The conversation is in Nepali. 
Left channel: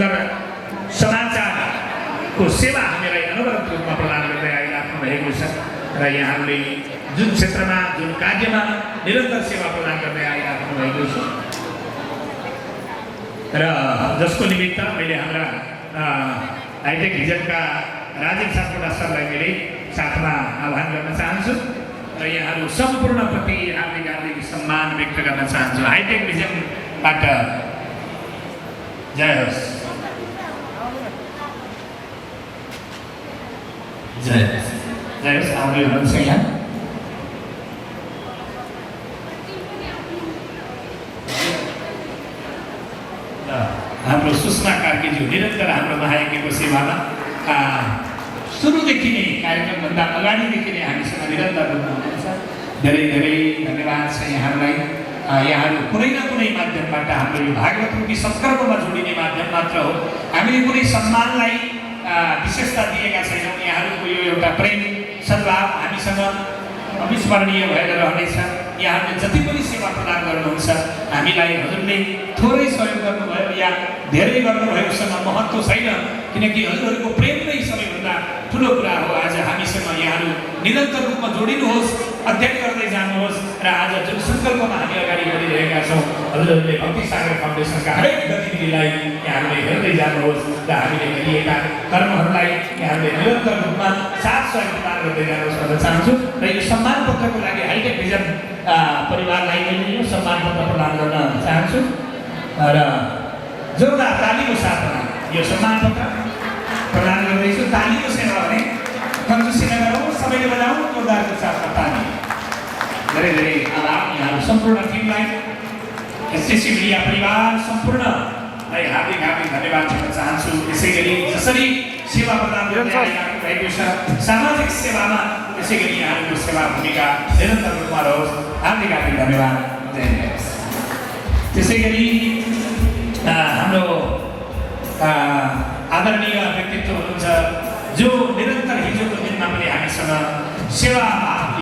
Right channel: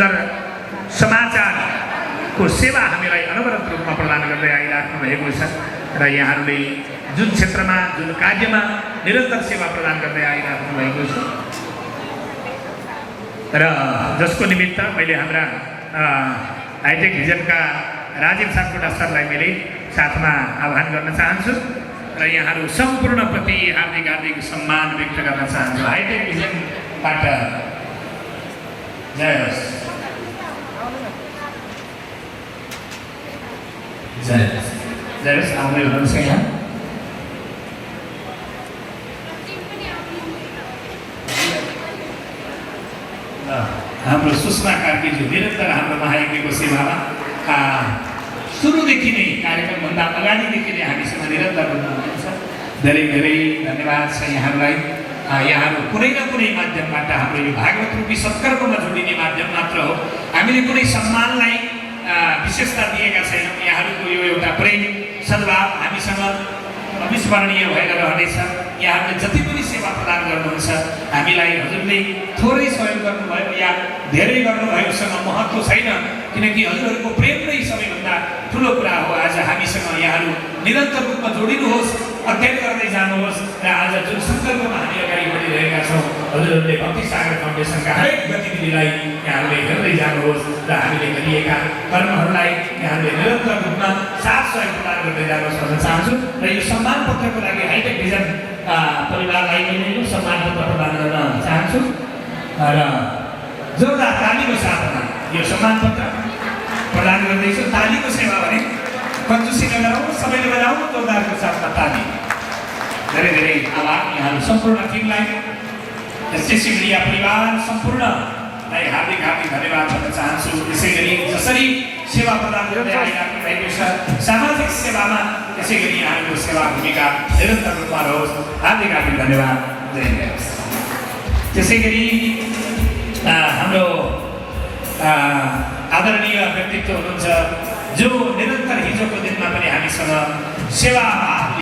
सुन्दर समाचारको सेवा हामीलाई अनवरत रूपमा प्रदान गर्दै आइराख्नु भएको छ र यहाँहरूले जुन क्षेत्रमा जुन कार्यमा निरन्तर सेवा प्रदान गर्दै आइराख्नु भएको छ र जसको निमित्त मैले हाम्रा हाइटेक भिजनका राजीव सापकोटा सरलाई मैले साथमा आह्वान गर्न चाहन्छु र यहाँहरू सम्पूर्णप्रति हार्दिक हार्दिक सम्मान व्यक्त गर्न चाहन्छु। हाइटेक भिजनबाट जय होस्। जय होस्। आउने हुनुहुन्छ यहाँ हाम्रो सुषमा कार्कीज्यू निरन्तर हाम्रो महायज्ञको सेवामा सुरुदेखि नै कार्यक्रमभन्दा अगाडिदेखि नै हामीसँग निरन्तर हुनुहुन्छ। धेरै धेरै धन्यवाद छ यहाँहरूलाई। यहाँहरू कुनै न कुनै माध्यमबाट हाम्रो यो भागवत रूपी सत्कर्ममा जोडिने माध्यम मात्र हो। हामीले कुनै सम्मानलाई विशेषता दिएका छैनौँ। यहाँहरूको यो एउटा प्रेम सद्भाव हामीसँग अविस्मरणीय भएर रहनेछ। यहाँहरूले जति पनि सेवा प्रदान गर्नुहुन्छ हामीलाई हजुरले थोरै सहयोग गर्नुभयो या धेरै गर्नुभयोसँग महत्त्व छैन, किनकि हजुरहरूको प्रेम नै सबैभन्दा ठुलो कुरा हो। आज हामीसँग यहाँहरू निरन्तर रूपमा जोडिनुहोस्, अध्ययन गर्दै जानुहोस् र आज जुन सङ्कल्पमा हामी अगाडि बढिरहेका छौँ हजुरहरूले भक्ति सागर फाउन्डेसनका हरेक गतिविधिलाई यहाँहरूले हेर्दै जानुहोस् र हामीले गरिएका कर्महरूलाई यहाँहरूले निरन्तर रूपमा साथ सहयोग प्रदान गर्दै जानुहोस् भन्न चाहन्छु। र यो सम्मान पत्रको लागि हाइटेक भिजन परिवारलाई मैले यो सम्मान पत्र प्रदान गर्न चाहन्छु र जोरदार तालीको साथमा यो सम्मान पत्र प्रदान गर्दैछु। तालीको सेवा भने कन्जुसी नगरौँ, सबैले बजाउँ जोरदारको साथमा ताली। धेरै धेरै आभार यहाँहरू सम्पूर्ण टिमलाई, एसएससी मिडिया परिवार सम्पूर्णलाई हार्दिक हार्दिक धन्यवाद भन्न चाहन्छु। यसै गरी जसरी सेवा प्रदान गर्दै आइराख्नु भएको छ सामाजिक सेवामा त्यसै गरी यहाँहरूको सेवा भूमिका निरन्तर रूपमा रहोस्। हार्दिक हार्दिक धन्यवाद। जय होस्। त्यसै गरी हाम्रो आदरणीय व्यक्तित्व हुनुहुन्छ जो निरन्तर हिजोको दिनमा पनि हामीसँग सेवा